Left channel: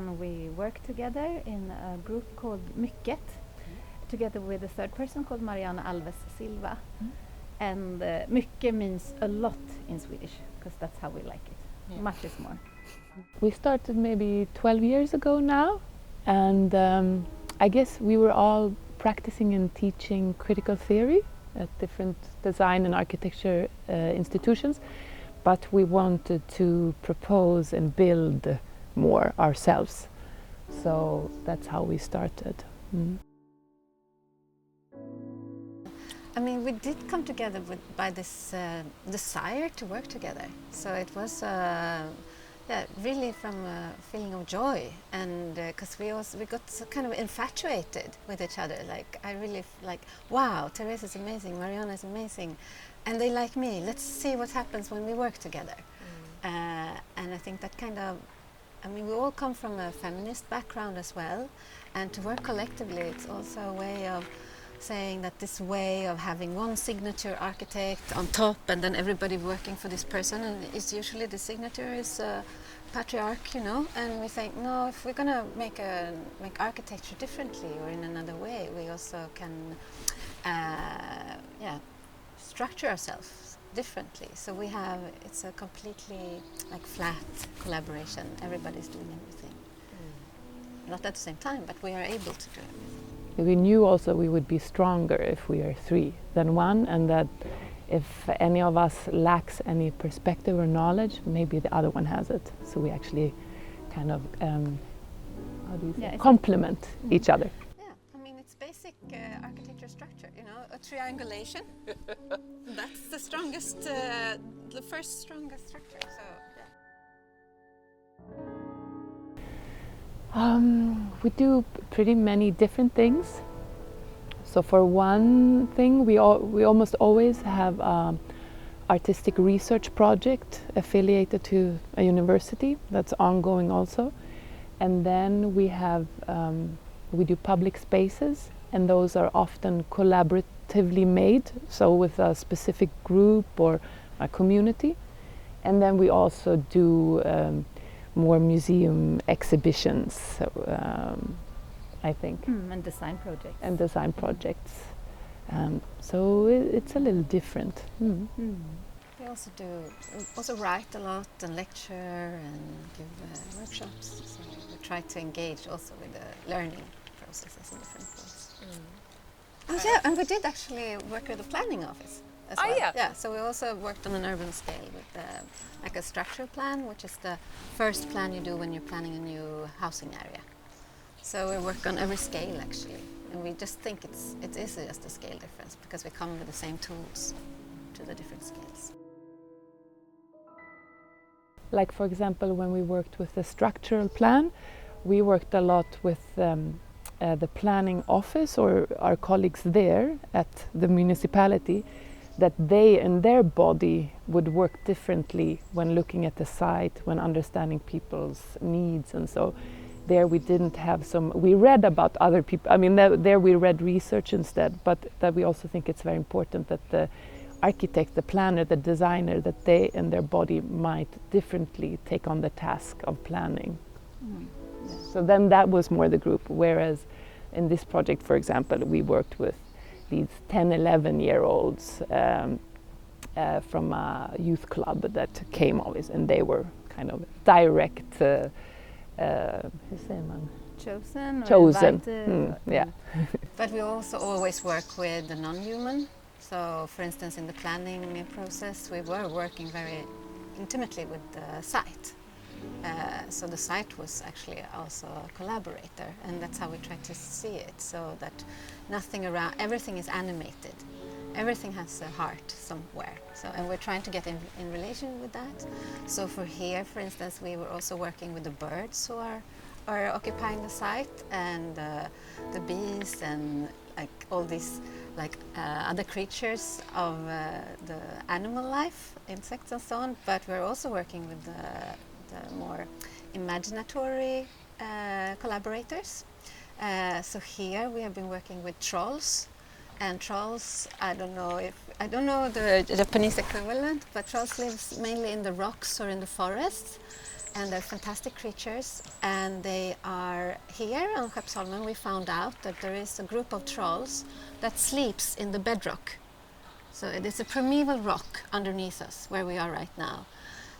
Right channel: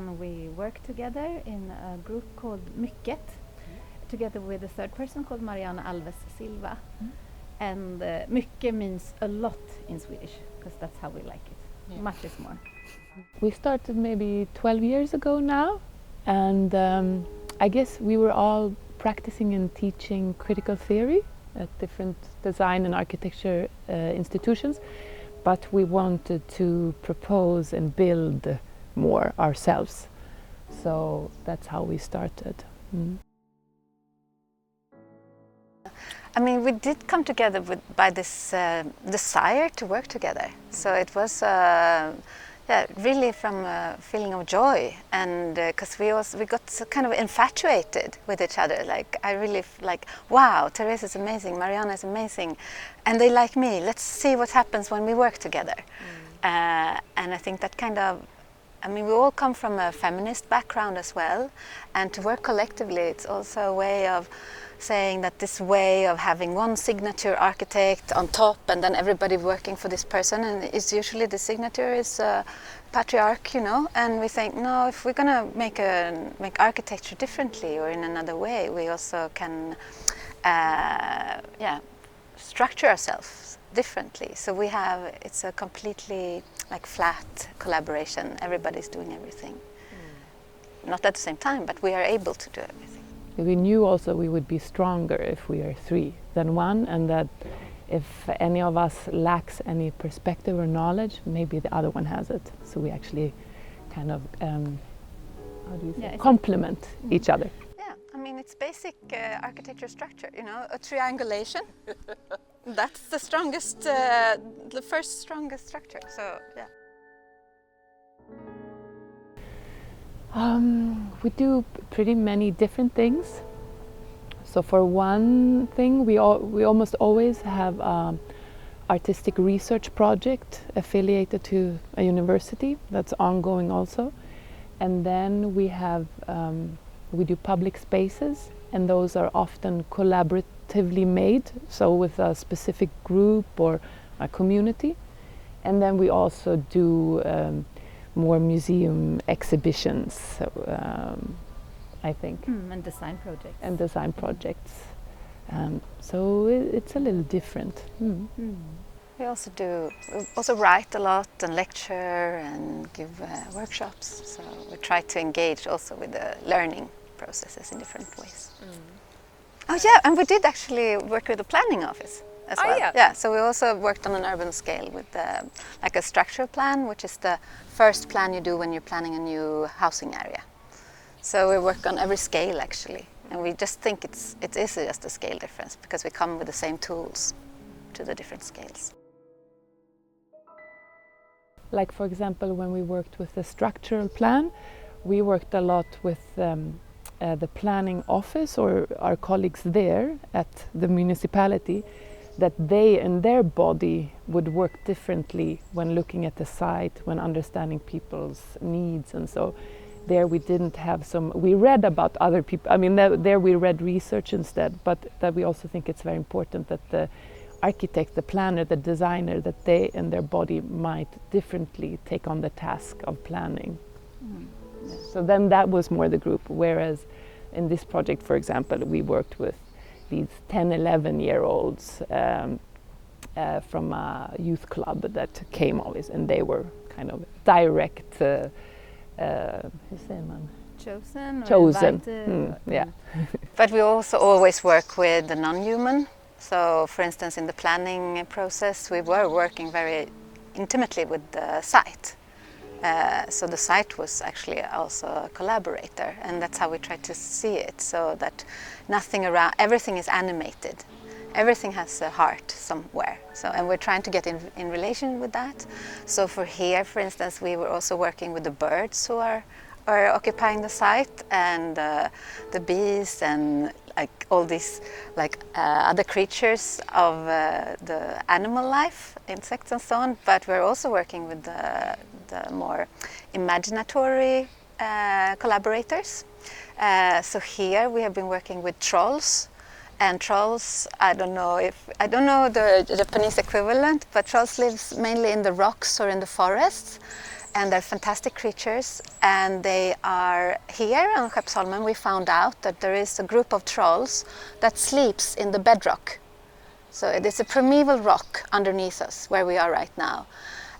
We work together in a group called MYCKET, together with a third person called Mariana Alves Silva. And mycket means a lot in Swedish, because that's how we like it. Yeah. Much is more. We started maybe 12 years ago now, and I guess we were all practicing and teaching critical theory at different design and architecture institutions, but we wanted to propose and build more ourselves. So that's how we started. I mean, we did come together by this desire to work together. So it was really from a feeling of joy, and because we got so kind of infatuated with each other. Like I really wow, Thérèse is amazing, Mariana is amazing, and they like me. Let's see what happens when we work together. And I think that kind of, I mean, we all come from a feminist background as well, and to work collectively, it's also a way of saying that this way of having one signature architect on top and then everybody working for this person, and it's usually the signature is patriarch, you know, and we think, no, if we're gonna make architecture differently or in another way, we also can structure ourselves differently. So we have, it's a completely like flat collaboration, everybody's doing everything. Not at the same time, but we are able to do everything. We knew also we would be stronger if we are three than one, and that if any of us lacks any perspective or knowledge, maybe the other one has it. So we actually kind of, how do you say, complement each other. Yeah, I mean, it's basic architecture structure, you know, a triangulation. That's the strongest, the first strongest structure, so yeah. We do pretty many different things. So for one thing, we almost always have artistic research project affiliated to a university that's ongoing also. And then we have, we do public spaces, and those are often collaboratively made, so with a specific group or a community. And then we also do more museum exhibitions, I think. And design projects. And design projects. So it's a little different. We also write a lot and lecture and give workshops. So we try to engage also with the learning processes in different ways. Oh yeah, and we did actually work with the planning office as well. Yeah, so we also worked on an urban scale with like a structural plan, which is the first plan you do when you're planning a new housing area. So we work on every scale actually, and we just think it is just a scale difference because we come with the same tools to the different scales. Like for example, when we worked with the structural plan, we worked a lot with the planning office or our colleagues there at the municipality, that they and their body would work differently when looking at the site, when understanding people's needs. And so there we didn't have we read about other people, I mean there we read research instead, but that we also think it's very important that the architect, the planner, the designer, that they and their body might differently take on the task of planning. Yeah. So then that was more the group, whereas in this project, for example, we worked with these 10, 11-year-olds from a youth club that came always, and they were kind of direct, chosen. Yeah. But we also always work with the non-human. So, for instance, in the planning process, we were working very intimately with the site. So the site was actually also a collaborator, and that's how we try to see it, so that everything is animated. Everything has a heart somewhere. So, and we're trying to get in relation with that. So for here, for instance, we were also working with the birds who are occupying the site, and the bees, and like all these other creatures of the animal life, insects and so on. But we're also working with the more imaginatory collaborators. So here we have been working with trolls, and trolls, I don't know the Japanese equivalent, but trolls lives mainly in the rocks or in the forests, and they're fantastic creatures, and they are here on Skeppsholmen. We found out that there is a group of trolls that sleeps in the bedrock. So it is a primeval rock underneath us where we are right now.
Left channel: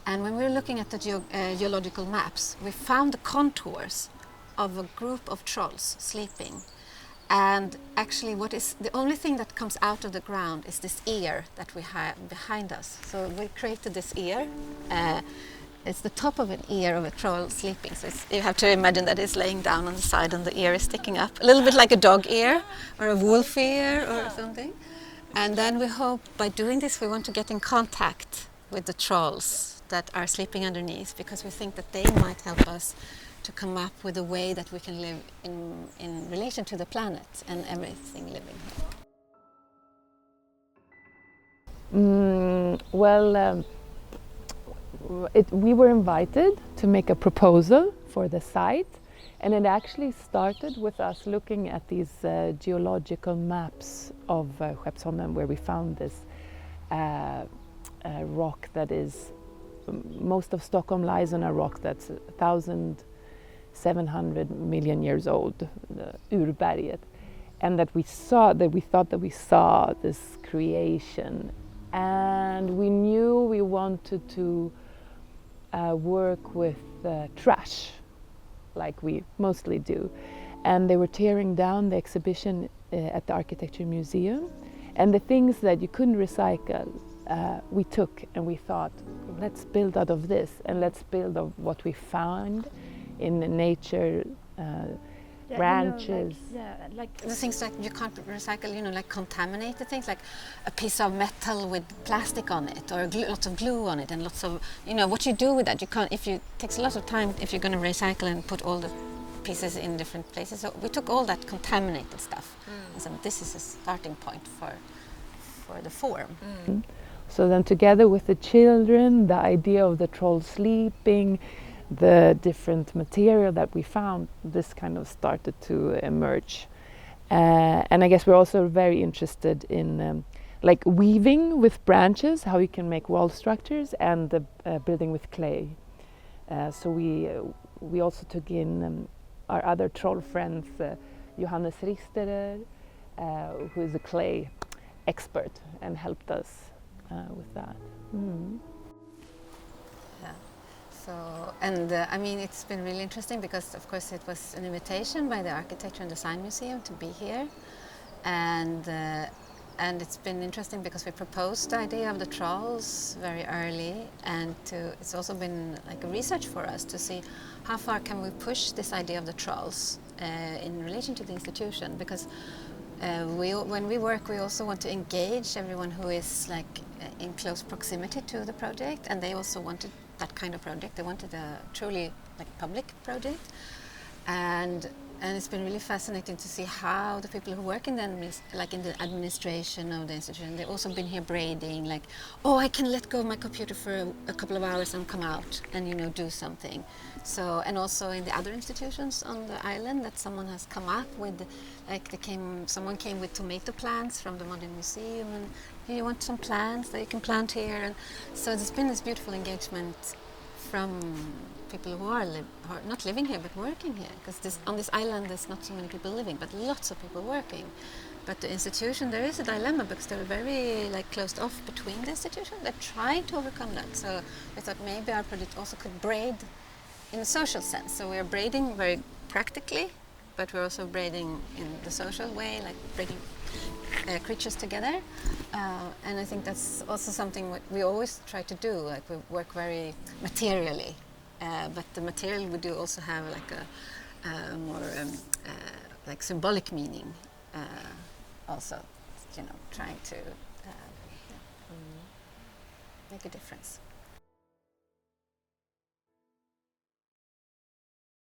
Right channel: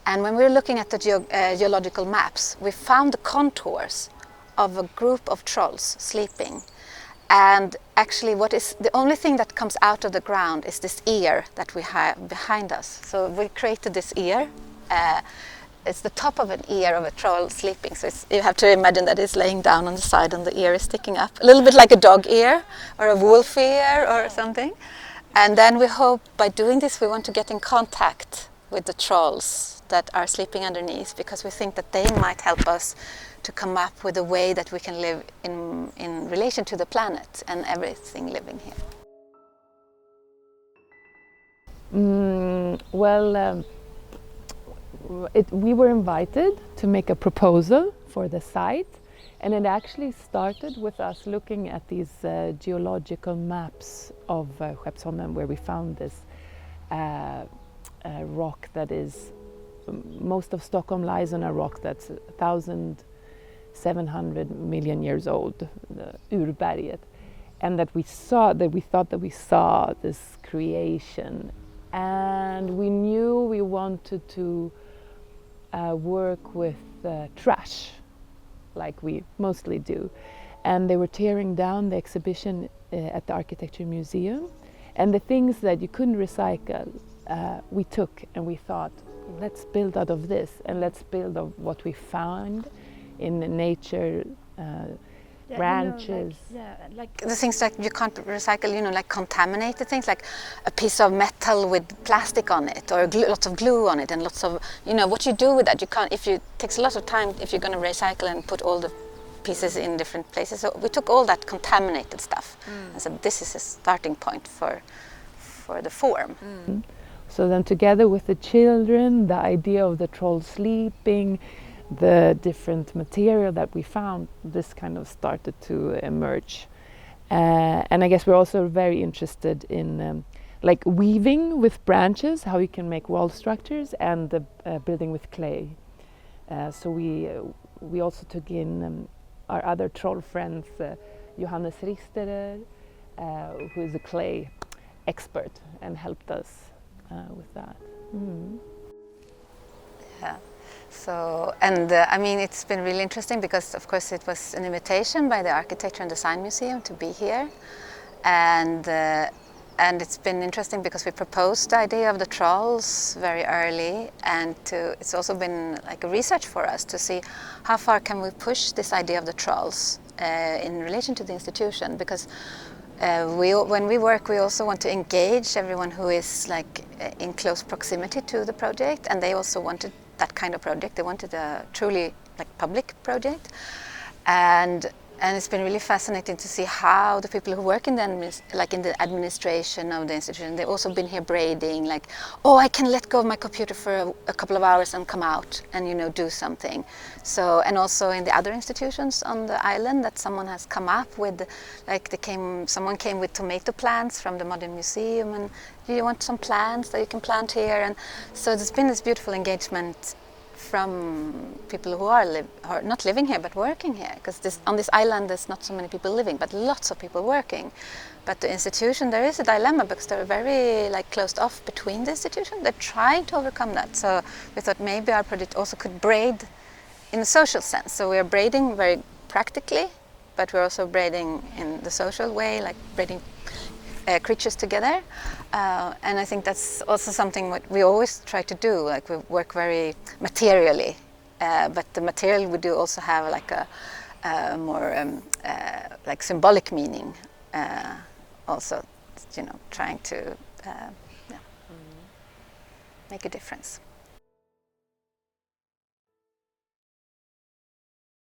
And when we were looking at the geological maps, we found the contours of a group of trolls sleeping. And actually the only thing that comes out of the ground is this ear that we have behind us. So we created this ear. It's the top of an ear of a troll sleeping. So you have to imagine that it's laying down on the side and the ear is sticking up. A little bit like a dog ear or a wolf ear or something. And then we hope by doing this we want to get in contact with the trolls that are sleeping underneath, because we think that they might help us to come up with a way that we can live in relation to the planet and everything living here. We were invited to make a proposal for the site, and it actually started with us looking at these geological maps of Skeppsholmen, where we found this rock that is, most of Stockholm lies on a rock that's 1,700 million years old, the Urberget, and that we thought that we saw this creation, and we knew we wanted to work with trash, like we mostly do. And they were tearing down the exhibition at the Architecture Museum, and the things that you couldn't recycle we took, and we thought, let's build out of this, and let's build of what we found in nature, branches. Like the things like you can't recycle, like contaminated things, like a piece of metal with plastic on it, or lots of glue on it, and lots of, what you do with that, you can't, it takes a lot of time if you're going to recycle and put all the pieces in different places. So we took all that contaminated stuff and said, this is a starting point for the form. So then together with the children, the idea of the troll sleeping, the different material that we found, this kind of started to emerge. And I guess we're also very interested in like weaving with branches, how you can make wall structures, and building with clay. So we also took in our other troll friends, Johannes Risterer, who is a clay expert, and helped us with that. Yeah. So, and I mean, it's been really interesting because, of course, it was an invitation by the Architecture and Design Museum to be here, and it's been interesting because we proposed the idea of the trolls very early, and it's also been like a research for us to see how far can we push this idea of the trolls in relation to the institution, because when we work, we also want to engage everyone who is like in close proximity to the project, and they also wanted that kind of project. They wanted a truly like public project, and it's been really fascinating to see how the people who work in the administration of the institution, they've also been here braiding, like, oh, I can let go of my computer for a couple of hours and come out and do something. So, and also in the other institutions on the island, that someone has come up with, like someone came with tomato plants from the Modern Museum, and you want some plants that you can plant here, and so there's been this beautiful engagement from people who are not living here but working here, because on this island there's not so many people living but lots of people working. But the institution, there is a dilemma because they're very closed off between the institution. They're trying to overcome that, so we thought maybe our project also could braid in a social sense. So we're braiding very practically, but we're also braiding in the social way, like braiding creatures together. And I think that's also something what we always try to do. Like, we work very materially, but the material we do also have like a more like symbolic meaning. Also, trying to make a difference.